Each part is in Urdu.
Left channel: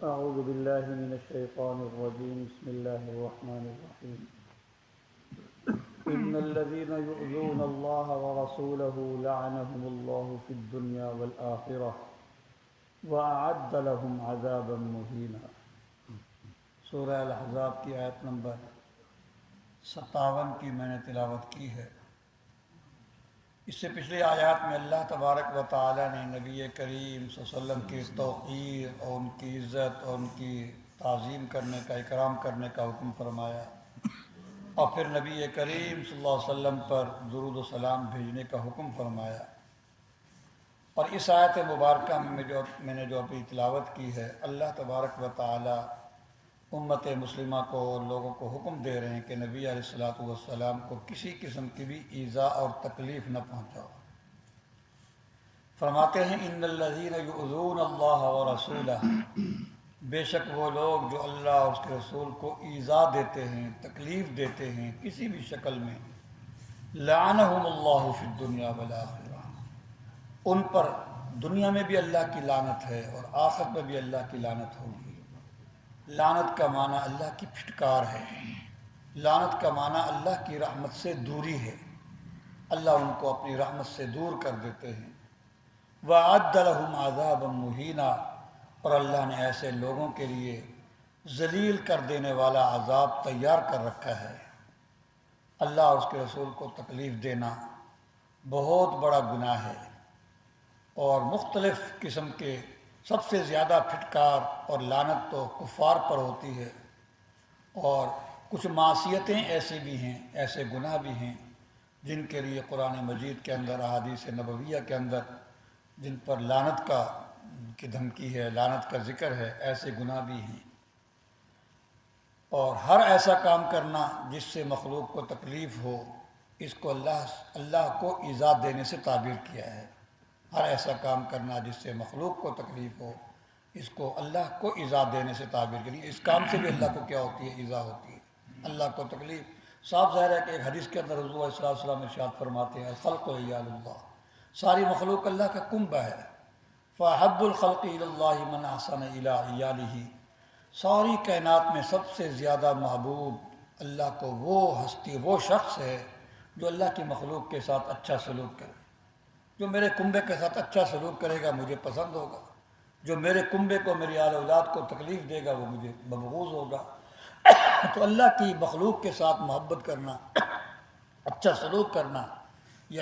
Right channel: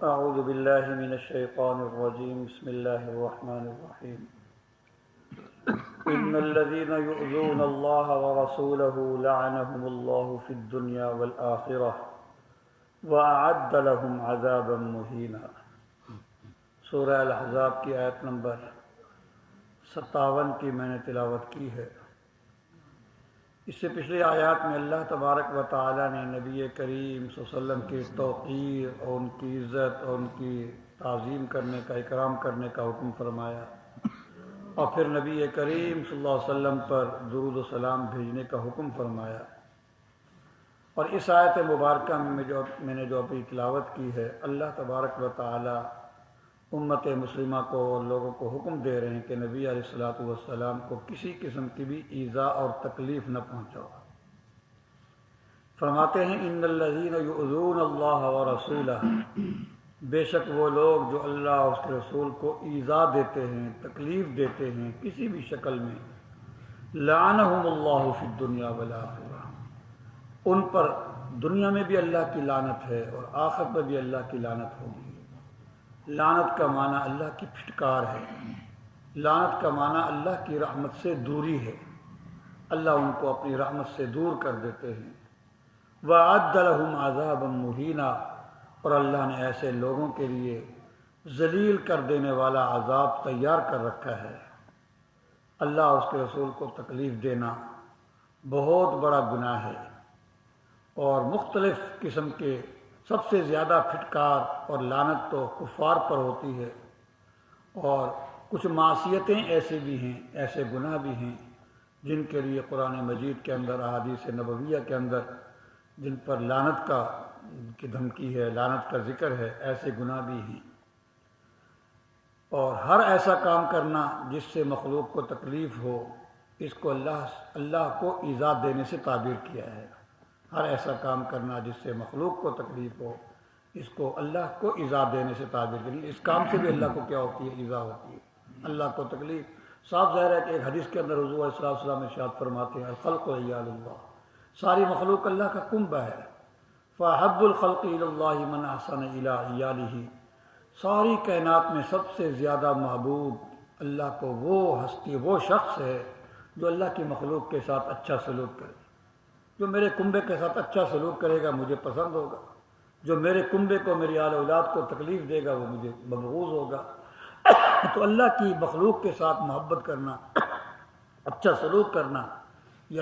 أعوذ بالله من الشيطان الرجيم بسم الله الرحمن الرحيم إن الذين يؤذون الله ورسوله لعنهم الله في الدنيا والآخرة وأعد لهم عذابا مهينا۔ سورہ الاحزاب کی آیت نمبر 57 کی میں نے تلاوت کی ہے۔ اس سے پچھلی آیات میں اللہ تبارک و تعالی نے نبی کریم صلی اللہ علیہ وسلم کی توقیر اور ان کی عزت اور ان کی تعظیم کرنے کا، اکرام کرنے کا حکم فرمایا، اور پھر نبی کریم صلی اللہ علیہ وسلم پر درود و سلام بھیجنے کا حکم فرمایا۔ اور اس آیت مبارکہ میں نے جو ابھی تلاوت کی ہے، اللہ تبارک و تعالی امت مسلمہ کو اور لوگوں کو حکم دے رہے ہیں کہ نبی علیہ الصلوۃ والسلام کو کسی قسم کی بھی ایذا اور تکلیف نہ پہنچاؤ۔ فرماتے ہیں ان الذین یؤذون اللہ ورسولہ، بے شک وہ لوگ جو اللہ اور اس کے رسول کو ایذا دیتے ہیں، تکلیف دیتے ہیں کسی بھی شکل میں، لعنہم اللہ فی الدنیا والآخرہ، ان پر دنیا میں بھی اللہ کی لعنت ہے اور آخرت میں بھی اللہ کی لعنت ہوگی۔ لعنت کا معنی اللہ کی پھٹکار ہے، لعنت کا معنی اللہ کی رحمت سے دوری ہے، اللہ ان کو اپنی رحمت سے دور کر دیتے ہیں۔ وَأَعَدَّ لَهُمْ عَذَابًا مُهِينًا، اور اللہ نے ایسے لوگوں کے لیے ذلیل کر دینے والا عذاب تیار کر رکھا ہے۔ اللہ اور اس کے رسول کو تکلیف دینا بہت بڑا گناہ ہے، اور مختلف قسم کے سب سے زیادہ پھٹکار اور لعنت تو کفار پر ہوتی ہے، اور کچھ معصیتیں ایسے بھی ہیں، ایسے گناہ بھی ہیں جن کے لیے قرآن مجید کے اندر، احادیث نبویہ کے اندر جن پر لعنت کی دھمکی ہے، لعنت کا ذکر ہے، ایسے گناہ بھی ہیں۔ اور ہر ایسا کام کرنا جس سے مخلوق کو تکلیف ہو، اس کو اللہ کو ایذا دینے سے تعبیر کیا ہے۔ ہر ایسا کام کرنا جس سے مخلوق کو تکلیف ہو، اس کو اللہ کو ایذا دینے سے تعبیر کریں۔ اس کام سے بھی اللہ کو کیا ہوتی ہے؟ ایذا ہوتی ہے، اللہ کو تکلیف۔ صاف ظاہر ہے کہ ایک حدیث کے اندر حضور علیہ السلام ارشاد فرماتے ہیں الخلق عیال اللہ، ساری مخلوق اللہ کا کنبہ ہے۔ فَأَحَبُّ الْخَلْقِ إِلَى اللَّهِ مَنْ أَحْسَنَ إِلَىٰ عِيَالِهِ، ساری کائنات میں سب سے زیادہ محبوب اللہ کو وہ ہستی، وہ شخص ہے جو اللہ کی مخلوق کے ساتھ اچھا سلوک کرے۔ جو میرے کنبے کے ساتھ اچھا سلوک کرے گا مجھے پسند ہوگا، جو میرے کنبے کو، میری آل اولاد کو تکلیف دے گا وہ مجھے مبغوض ہوگا۔ تو اللہ کی مخلوق کے ساتھ محبت کرنا، اچھا سلوک کرنا، یہ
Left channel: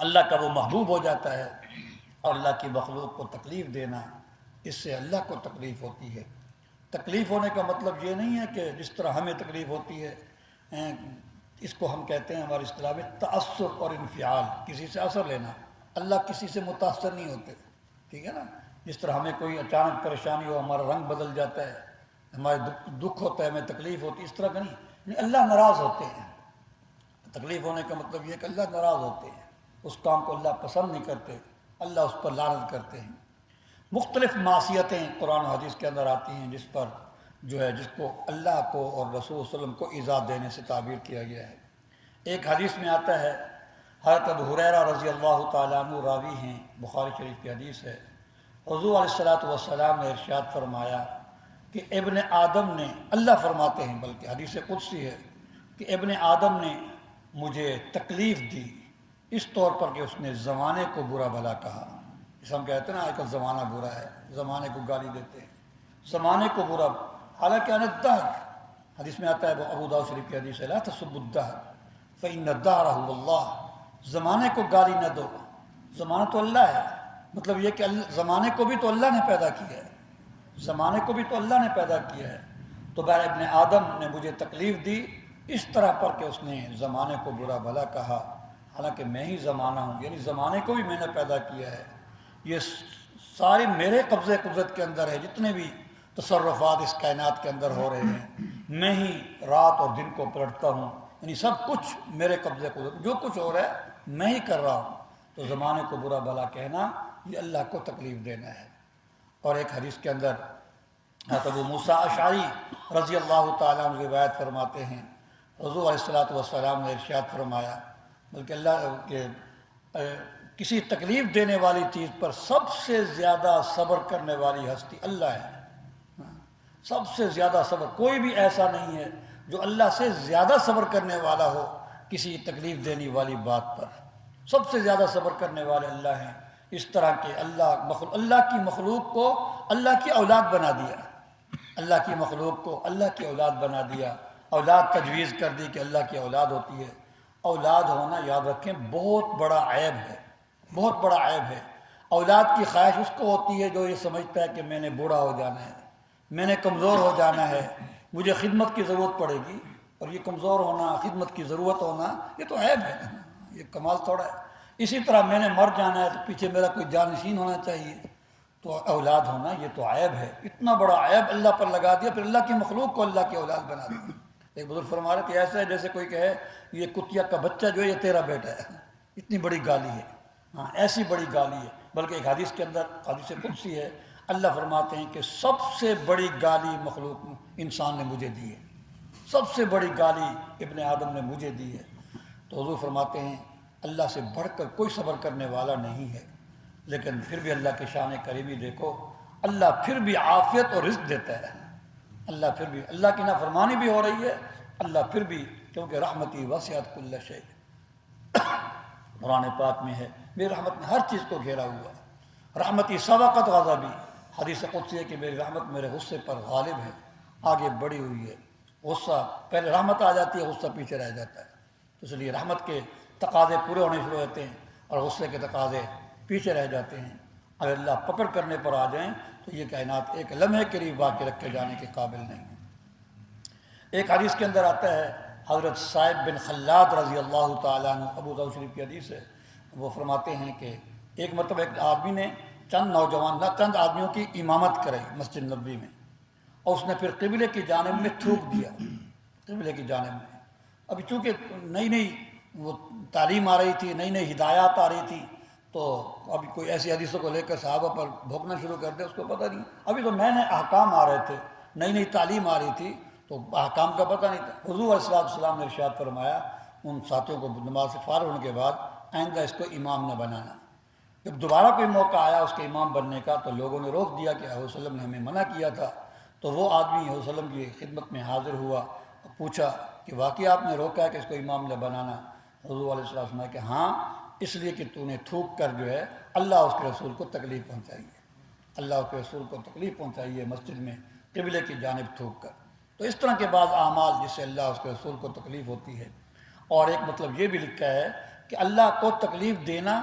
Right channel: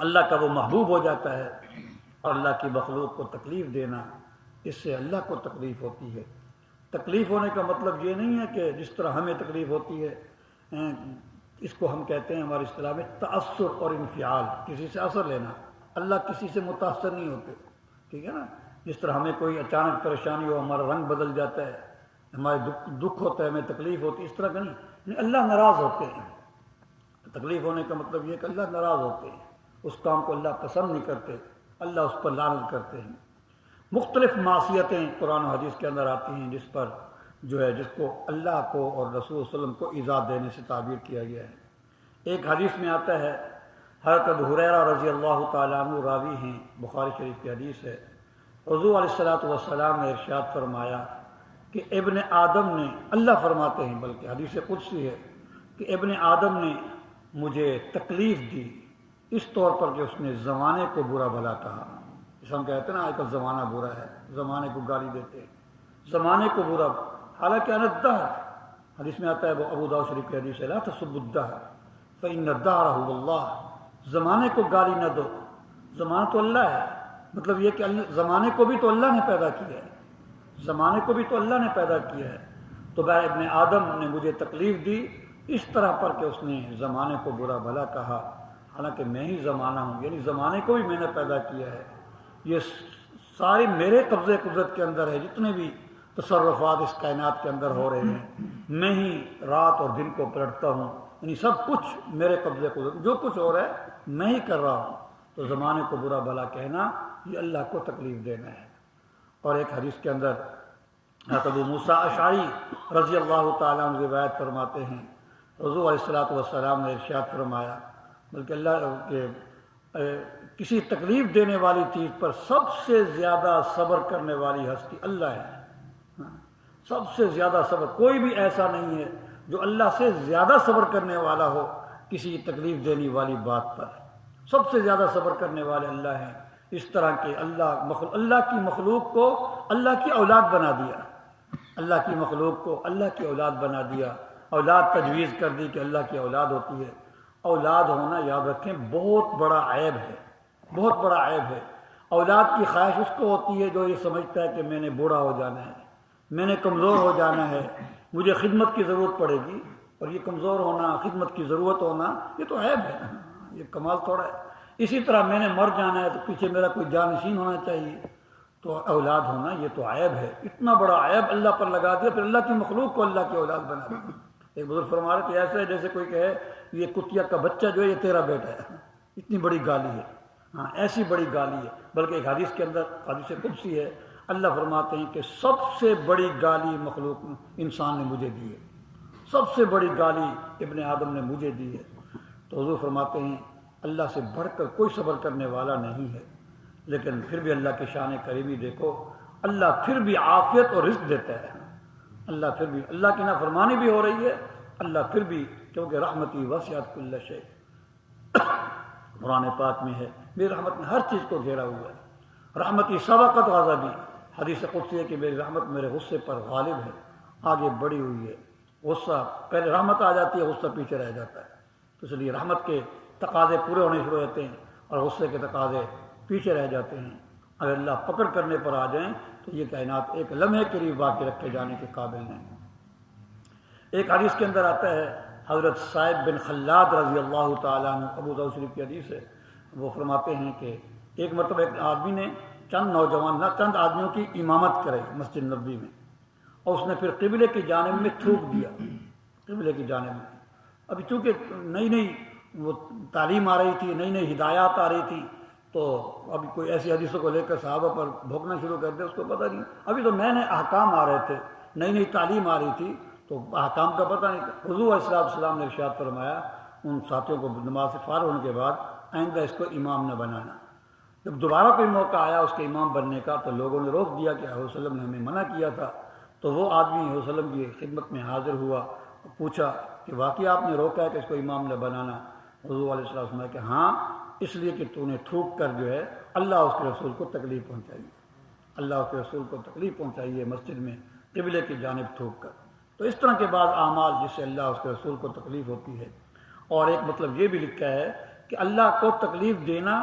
اللہ کا وہ محبوب ہو جاتا ہے، اور اللہ کی مخلوق کو تکلیف دینا، اس سے اللہ کو تکلیف ہوتی ہے۔ تکلیف ہونے کا مطلب یہ نہیں ہے کہ جس طرح ہمیں تکلیف ہوتی ہے، اس کو ہم کہتے ہیں ہماری اصطلاح میں تأثر اور انفعال، کسی سے اثر لینا۔ اللہ کسی سے متاثر نہیں ہوتے، ٹھیک ہے نا؟ جس طرح ہمیں کوئی اچانک پریشانی ہو، ہمارا رنگ بدل جاتا ہے، ہمارے دکھ ہوتا ہے، ہمیں تکلیف ہوتی ہے، اس طرح کا نہیں۔ اللہ ناراض ہوتے ہیں۔ تکلیف ہونے کا مطلب یہ ہے کہ اللہ ناراض ہوتے ہیں، اس کام کو اللہ پسند نہیں کرتے، اللہ اس پر لعنت کرتے ہیں۔ مختلف معصیتیں قرآن و حدیث کے اندر آتی ہیں جس پر جس کو اللہ کو اور رسول صلی اللہ علیہ وسلم کو ایذا دینے سے تعبیر کیا گیا ہے۔ ایک حدیث میں آتا ہے، حضرت ابو ہریرہ رضی اللہ تعالیٰ عنہ راوی ہیں، بخاری شریف کی حدیث ہے، حضور علیہ الصلوۃ والسلام نے ارشاد فرمایا کہ ابن آدم نے، اللہ فرماتے ہیں بلکہ حدیث قدسی ہے، کہ ابن آدم نے مجھے تکلیف دی اس طور پر کہ اس نے زمانے کو برا بھلا کہا۔ جس ہم کہتے ہیں نا آج کل زمانہ برا ہے، زمانے کو گالی دیتے ہیں، زمانے کو برا، حالانکہ انا الدہر، حدیث میں آتا ہے، وہ ابو داؤد شریف کی حدیث ہے، لا تسبوا الدہر فإن الدہر هو اللہ، زمانے کو گالی نہ دو، زمانہ تو اللہ ہے۔ مطلب یہ کہ زمانے کو بھی تو اللہ نے پیدا کیا ہے، زمانے کو بھی تو اللہ نے پیدا کیا ہے۔ تو بہر ابن آدم نے مجھے تکلیف دی اس طرح پر کہ اس نے زمانے کو برا بھلا کہا، حالانکہ میں ہی زمانہ ہوں، یعنی زمانے کو بھی میں نے پیدا کیا ہے، یہ سارے میرے قبضے قدرت کے اندر ہے، جتنے بھی تصرفات اس کائنات کے اندر ہو رہے ہیں، میں ہی رات اور دن کو پلٹتا ہوں، یعنی سب کچھ میرے قبضے قدرت، جو کچھ ہو رہا ہے میں ہی کر رہا ہوں۔ تو زمانے کو برا بھلا کہنا یہ اللہ کو تکلیف دینا ہے۔ اور ایک حدیث کے اندر حضرت ابو موسیٰ اشعری رضی اللہ تعالیٰ عنہ روایت فرماتے ہیں، حضور علیہ الصلوۃ والسلام نے ارشاد فرمایا، بلکہ اللہ کے کسی تکلیف دینے والی چیز پر سب سے زیادہ صبر کرنے والی ہستی اللہ ہے۔ سب سے زیادہ صبر، کوئی بھی ایسا نہیں ہے جو اللہ سے زیادہ صبر کرنے والا ہو کسی تکلیف دینے والی بات پر۔ سب سے زیادہ صبر کرنے والے اللہ ہیں۔ اس طرح کے اللہ کی مخلوق کو اللہ کی اولاد بنا دیا، اللہ کی مخلوق کو اللہ کی اولاد بنا دیا، اولاد تجویز کر دی کہ اللہ کی اولاد ہوتی ہے۔ اولاد ہونا یاد رکھیں بہت بڑا عیب ہے، بہت بڑا عیب ہے۔ اولاد کی خواہش اس کو ہوتی ہے جو یہ سمجھتا ہے کہ میں نے بوڑھا ہو جانا ہے، میں نے کمزور ہو جانا ہے، مجھے خدمت کی ضرورت پڑے گی، اور یہ کمزور ہونا، خدمت کی ضرورت ہونا، یہ تو عیب ہے، یہ کمال تھوڑا ہے۔ اسی طرح میں نے مر جانا ہے تو پیچھے میرا کوئی جانشین ہونا چاہیے، تو اولاد ہونا یہ تو عیب ہے۔ اتنا بڑا عیب اللہ پر لگا دیا، پھر اللہ کی مخلوق کو اللہ کی اولاد بنا دی۔ ایک بزرگ فرما رہے کہ ایسا ہے جیسے کوئی کہے یہ کتیا کا بچہ جو ہے یہ تیرا بیٹا ہے، اتنی بڑی گالی ہے۔ ہاں، ایسی بڑی گالی ہے۔ بلکہ ایک حدیث کے اندر، حدیث قدسی ہے، اللہ فرماتے ہیں کہ سب سے بڑی گالی مخلوق انسان نے مجھے دی ہے، سب سے بڑی گالی ابن آدم نے مجھے دی ہے۔ تو حضور فرماتے ہیں اللہ سے بڑھ کر کوئی صبر کرنے والا نہیں ہے۔ لیکن پھر بھی اللہ کے شان کریمی دیکھو، اللہ پھر بھی عافیت اور رزق دیتا ہے۔ اللہ پھر بھی، اللہ کی نافرمانی بھی ہو رہی ہے، اللہ پھر بھی، کیونکہ رحمتی وسعت کل شیء، قرآن پاک میں ہے میری رحمت نے ہر چیز کو گھیرا ہوا ہے۔ رحمتی سبقت غضبی، حدیث قدسی ہے کہ میری رحمت میرے غصے پر غالب ہے، آگے بڑھی ہوئی ہے۔ غصہ پہلے رحمت آ جاتی ہے، غصہ پیچھے رہ جاتا ہے۔ تو اس لیے رحمت کے تقاضے پورے ہونے شروع ہوتے ہیں اور غصے کے تقاضے پیچھے رہ جاتے ہیں۔ اگر اللہ پکڑ کرنے پر آ جائیں تو یہ کائنات ایک لمحے کے لیے باقی رکھے جانے کے قابل نہیں۔ ایک حدیث کے اندر آتا ہے، حضرت صائب بن خلاد رضی اللہ تعالیٰ عنہ، ابو داؤد شریف کی حدیث ہے، وہ فرماتے ہیں کہ ایک مرتبہ ایک آدمی نے چند آدمیوں کی امامت کرائی مسجد نبوی میں، اور اس نے پھر قبلے کی جانب میں تھوک دیا، قبلے کی جانب میں۔ ابھی چونکہ نئی وہ تعلیم آ رہی تھی، نئی ہدایات آ رہی تھی، تو ابھی کوئی ایسی حدیثوں کو لے کر صحابہ پر بھونکنا شروع کر دے، اس کو پتہ نہیں، ابھی تو نئے احکام آ رہے تھے، نئی تعلیم آ رہی تھی، تو احکام کا پتہ نہیں تھا۔ حضور علیہ السلام نے ارشاد فرمایا ان ساتھیوں کو نماز سے فارغ ہونے کے بعد، آئندہ اس کو امام نہ بنانا۔ جب دوبارہ کوئی موقع آیا اس کے امام بننے کا تو لوگوں نے روک دیا کہ حضور صلی اللہ علیہ وسلم نے ہمیں منع کیا تھا۔ تو وہ آدمی حضور صلی اللہ علیہ وسلم کی خدمت میں حاضر ہوا اور پوچھا کہ واقعی آپ نے روکا ہے کہ اس کو امام نہ بنانا؟ حضور علیہ السلام نے کہا ہاں، اس لیے کہ تو نے تھوک کر جو ہے اللہ اس کے رسول کو تکلیف پہنچائی ہے، اللہ اس کے رسول کو تکلیف پہنچائی ہے مسجد میں قبلے کی جانب تھوک کر۔ تو اس طرح کے بعض اعمال جس سے اللہ اس کے رسول کو تکلیف ہوتی ہے۔ اور ایک مطلب یہ بھی لکھا ہے کہ اللہ کو تکلیف دینا،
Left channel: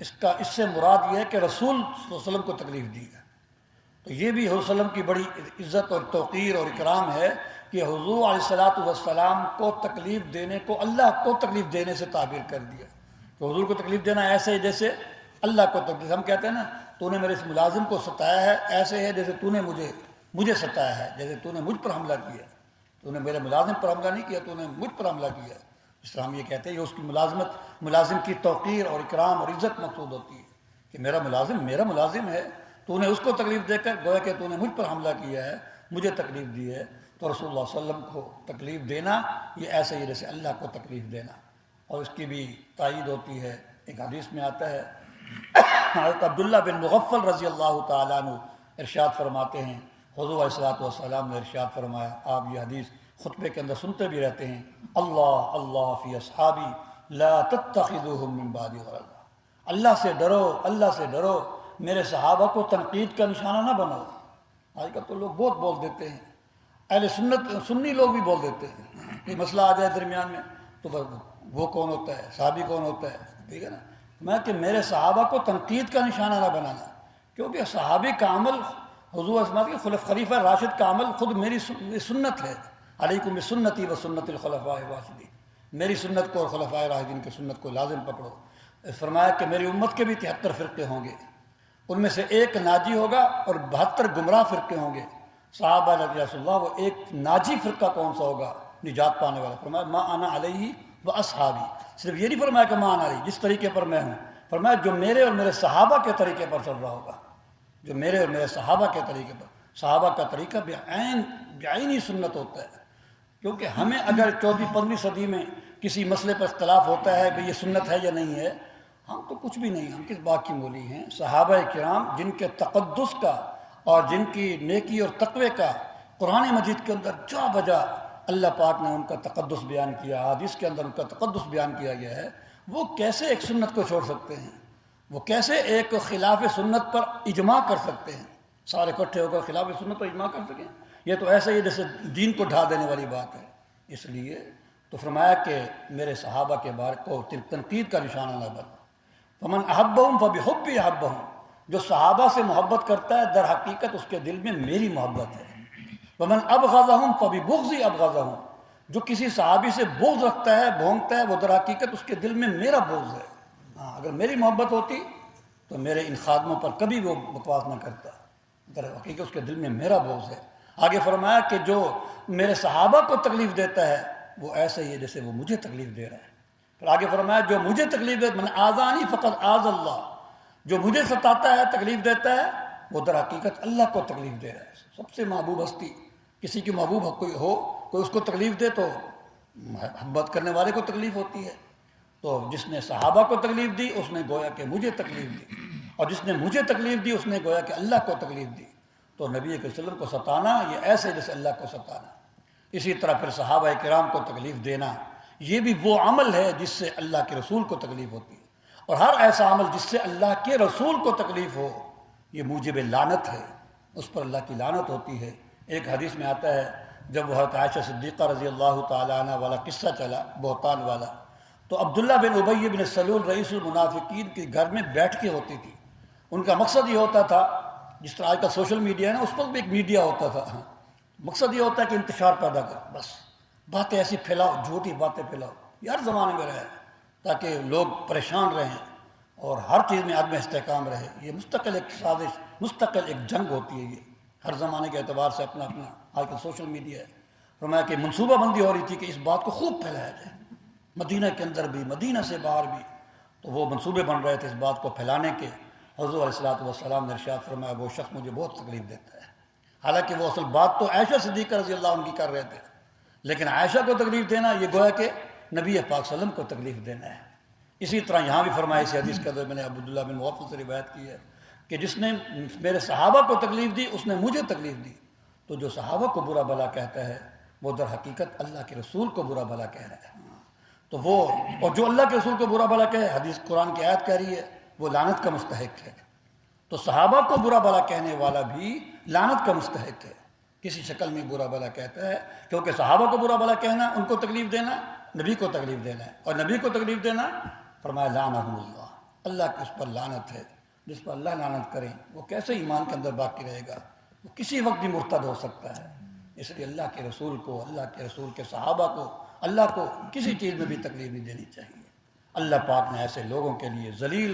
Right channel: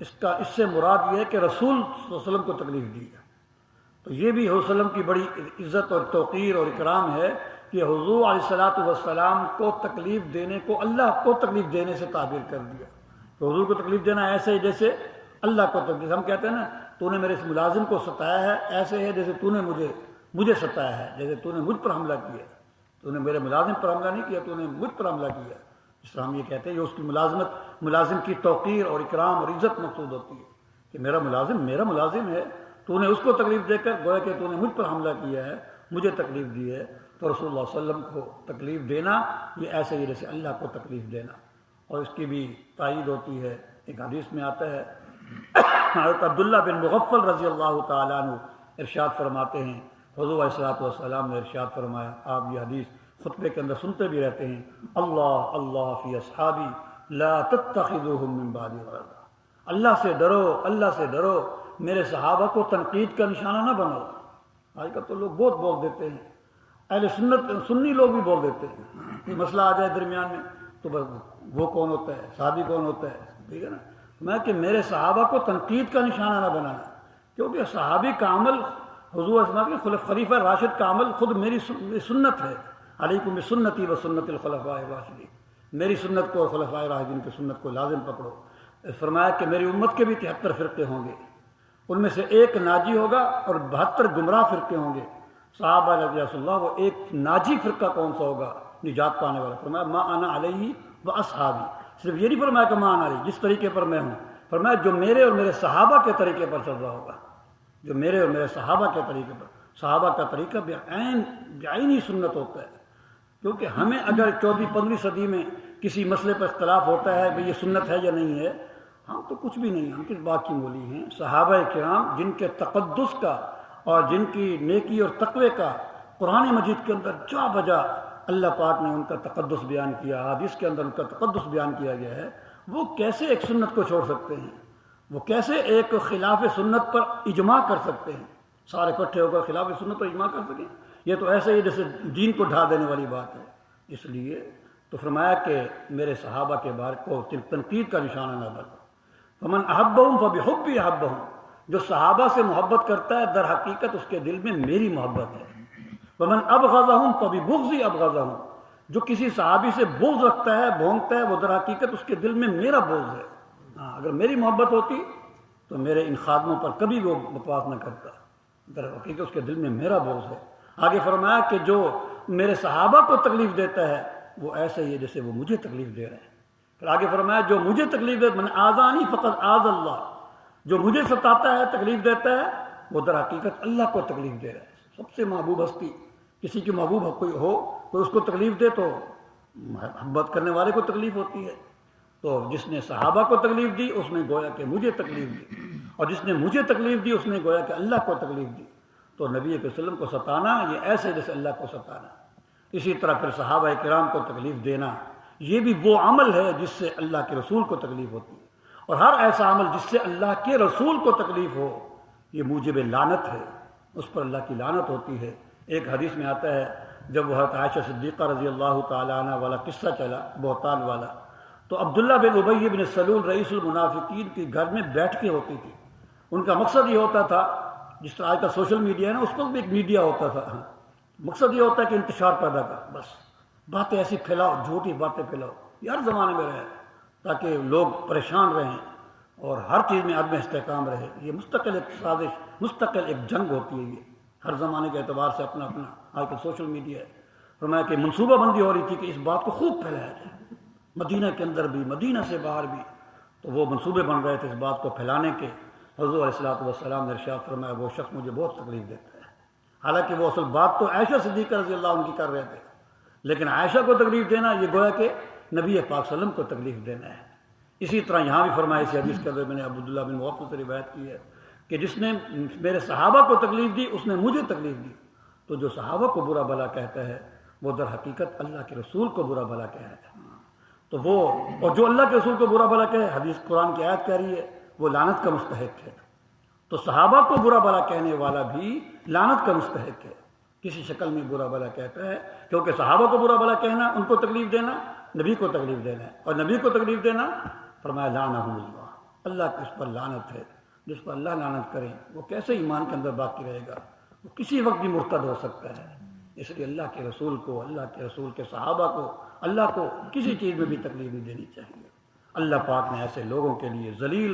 اس سے مراد یہ ہے کہ رسول صلی اللہ علیہ وسلم کو تکلیف دی ہے۔ تو یہ بھی حضور صلی اللہ علیہ وسلم کی بڑی عزت اور توقیر اور اکرام ہے کہ حضور علیہ السلام کو تکلیف دینے کو اللہ کو تکلیف دینے سے تعبیر کر دیا کہ حضور کو تکلیف دینا ایسے ہی جیسے اللہ کو تکلیف، ہم کہتے ہیں نا تو نے میرے اس ملازم کو ستایا ہے، ایسے ہے جیسے تو نے مجھے ستایا ہے، جیسے تو نے مجھ پر حملہ کیا، تو نے میرے ملازم پر حملہ نہیں کیا، تو نے مجھ پر حملہ کیا۔ اس طرح ہم یہ کہتے ہیں کہ اس کی ملازم کی توقیر اور اکرام اور عزت مقصود ہوتی ہے کہ میرا ملازم ہے، تو نے اس کو تکلیف دے کر گویا کہ تو نے مجھ پر حملہ کیا ہے، مجھے تکلیف دی ہے۔ تو رسول اللہ صلی اللہ علیہ وسلم کو تکلیف دینا یہ ایسے ہی جیسے اللہ کو تکلیف دینا، اور اس کی بھی تائید ہوتی ہے۔ ایک حدیث میں آتا ہے، حضرت عبداللہ بن مغفل رضی اللہ تعالیٰ عنہ ارشاد فرماتے ہیں، حضور علیہ السلام نے ارشاد فرمایا، آپ یہ حدیث خطبے کے اندر سنتے بھی رہتے ہیں، اللہ اللہ فی اصحابی لا تتخذوہم من بعدی غرضا، اللہ سے ڈرو، میرے صحابہ کو تنقید کا نشانہ نہ بناؤ۔ آج کل تو لوگ بہت بول دیتے ہیں، اہل سنی لوگ بھی بول دیتے ہیں کہ مسئلہ آ جائے درمیان میں تو وہ کون ہوتا ہے، صحابی کون ہوتا ہے، ٹھیک ہے نا۔ میں کہ میرے صحابہ کو تنقید کا نشانہ نہ بنانا، کیونکہ صحابی کا عمل، حضور اسماعیل کے خلیفہ راشد کا عمل خود میری سنت ہے، علیکم بسنتی و سنت الخلفاء الراشدین، میری سنت کو اور خلفاء راشدین کی سنت کو لازم پکڑو۔ فرمایا کہ میری امت کے بھی 73 فرقے ہوں گے، ان میں سے ایک ناجی ہوگا اور 72 گمراہ فرقے ہوں گے۔ صحابہ رضی اللہ، وہ ایک ناجی فرقہ کون سا ہوگا، نجات پانے والا؟ فرمایا ما انا علیہ و اصحابی، صرف یہ نہیں فرمایا کہ ما انا علیہ جس طریقے پر میں ہوں، فرمایا جو میرے اور میرے صحابہ کے طریقے پر چل رہا ہوگا، جو میرے اور میرے صحابہ کے طریقے پر۔ صحابہ کا طریقہ بعینی سنت ہوتا ہے، کیونکہ ہمیں اگر 14ویں 15ویں صدی میں کسی مسئلے پر اختلاف ہوتا ہے کہ یہ سنت ہے یا نہیں ہے، ہم تو کچھ بھی نہیں، ہم کس بات کی مولی ہیں؟ صحابہ کرام جن کے تقدس کا اور جن کی نیکی اور تقوی کا قرآن مجید کے اندر جا بجا اللہ پاک نے ان کا تقدس بیان کیا، حدیث کے اندر ان کا تقدس بیان کیا گیا ہے، وہ کیسے ایک سنت کو چھوڑ سکتے ہیں؟ وہ کیسے ایک خلاف سنت پر اجماع کر سکتے ہیں؟ سارے اکٹھے ہو کر خلاف سنت پر اجماع کر سکیں؟ یہ تو ایسے ہی جیسے دین کو ڈھا دینے والی بات ہے۔ اس لیے تو فرمایا کہ میرے صحابہ کے بارے کو تنقید کا نشانہ نہ بنو۔ فمن احبہم فبحبی احبہم، جو صحابہ سے محبت کرتا ہے در حقیقت اس کے دل میں میری محبت ہے۔ ومن ابغضہم فببغضی ابغضہم، جو کسی صحابی سے بغض رکھتا ہے، بھونکتا ہے، وہ در حقیقت اس کے دل میں میرا بغض ہے۔ اگر میری محبت ہوتی تو میرے ان خادموں پر کبھی وہ بکواس نہ کرتا، در حقیقت اس کے دل میں میرا بغض ہے۔ آگے فرمایا کہ جو میرے صحابہ کو تکلیف دیتا ہے وہ ایسے ہی ہے جیسے وہ مجھے تکلیف دے رہے ہیں۔ پھر آگے فرمایا جو مجھے تکلیف دے، من آذانی فقط آذ اللہ، جو مجھے ستاتا ہے، تکلیف دیتا ہے، وہ در حقیقت اللہ کو تکلیف دے رہا ہے۔ سب سے محبوب ہستی، کسی کی محبوب کوئی ہو، کوئی اس کو تکلیف دے تو محبت کرنے والے کو تکلیف ہوتی ہے۔ تو جس نے صحابہ کو تکلیف دی اس نے گویا کہ مجھے تکلیف دی، اور جس نے مجھے تکلیف دی اس نے گویا کہ اللہ کو تکلیف دی۔ تو نبی صلی اللہ علیہ وسلم کو ستانا یہ ایسے جیسے اللہ کو ستانا۔ اسی طرح پھر صحابہ کرام کو تکلیف دینا یہ بھی وہ عمل ہے جس سے اللہ کے رسول کو تکلیف ہوتی ہے، اور ہر ایسا عمل جس سے اللہ کے رسول کو تکلیف ہو یہ موجب لعنت ہے، اس پر اللہ کی لعنت ہوتی ہے۔ ایک حدیث میں آتا ہے جب وہ حضرت عائشہ صدیقہ رضی اللہ تعالیٰ عنہ والا قصہ چلا، بہتان والا، تو عبداللہ بن ابی بن سلول رئیس المنافقین کے گھر میں بیٹھ کے ہوتی تھی۔ ان کا مقصد یہ ہوتا تھا، جس طرح آج کا سوشل میڈیا ہے نا، اس پر بھی ایک میڈیا ہوتا تھا، مقصد یہ ہوتا ہے کہ انتشار پیدا کر، بس باتیں ایسی پھیلاؤ، جھوٹی باتیں پھیلاؤ، یہ ہر زمانے میں رہے تاکہ لوگ پریشان رہیں اور ہر چیز میں عدم استحکام رہے۔ یہ مستقل ایک سازش، مستقل ایک جنگ ہوتی ہے، یہ ہر زمانے کے اعتبار سے اپنا اپنا آج کل سوشل میڈیا ہے۔ فرمایا کہ منصوبہ بندی ہو رہی تھی کہ اس بات کو خوب پھیلایا جائے، مدینہ کے اندر بھی، مدینہ سے باہر بھی، تو وہ منصوبے بن رہے تھے اس بات کو پھیلانے کے۔ حضور علیہ الصلوۃ والسلام نے ارشاد فرمایا وہ شخص مجھے بہت تکلیف دیتا ہے، حالانکہ وہ اصل بات تو عائشہ صدیقہ رضی اللہ عنہ کی کر رہے تھے، لیکن عائشہ کو تکلیف دینا یہ گویا کہ نبی پاک صلی اللہ علیہ وسلم کو تکلیف دینا ہے۔ اسی طرح یہاں بھی فرمایا، اسی حدیث کے اندر میں نے عبداللہ بن مغفل سے روایت کی ہے کہ جس نے میرے صحابہ کو تکلیف دی اس نے مجھے تکلیف دی۔ تو جو صحابہ کو برا بھلا کہتا ہے وہ در حقیقت اللہ کے رسول کو برا بھلا کہہ رہا ہے۔ تو وہ، اور جو اللہ کے رسول کو برا بھلا کہے، حدیث قرآن کی آیت کہہ رہی ہے، وہ لعنت کا مستحق ہے۔ تو صحابہ کو برا بھلا کہنے والا بھی لعنت کا مستحق ہے، کسی شکل میں برا بھلا کہتا ہے، کیونکہ صحابہ کو برا بھلا کہنا، ان کو تکلیف دینا، نبی کو تکلیف دینا ہے، اور نبی کو تکلیف دینا فرمایا لعنہم اللہ، اللہ کی اس پر لعنت ہے۔ جس پر اللہ لعنت کرے وہ کیسے ایمان کے اندر باقی رہے گا؟ وہ کسی وقت بھی مرتد ہو سکتا ہے۔ اس لیے اللہ کے رسول کو، اللہ کے رسول کے صحابہ کو، اللہ کو کسی چیز میں بھی تکلیف نہیں دینی چاہیے۔ اللہ پاک نے ایسے لوگوں کے لیے ذلیل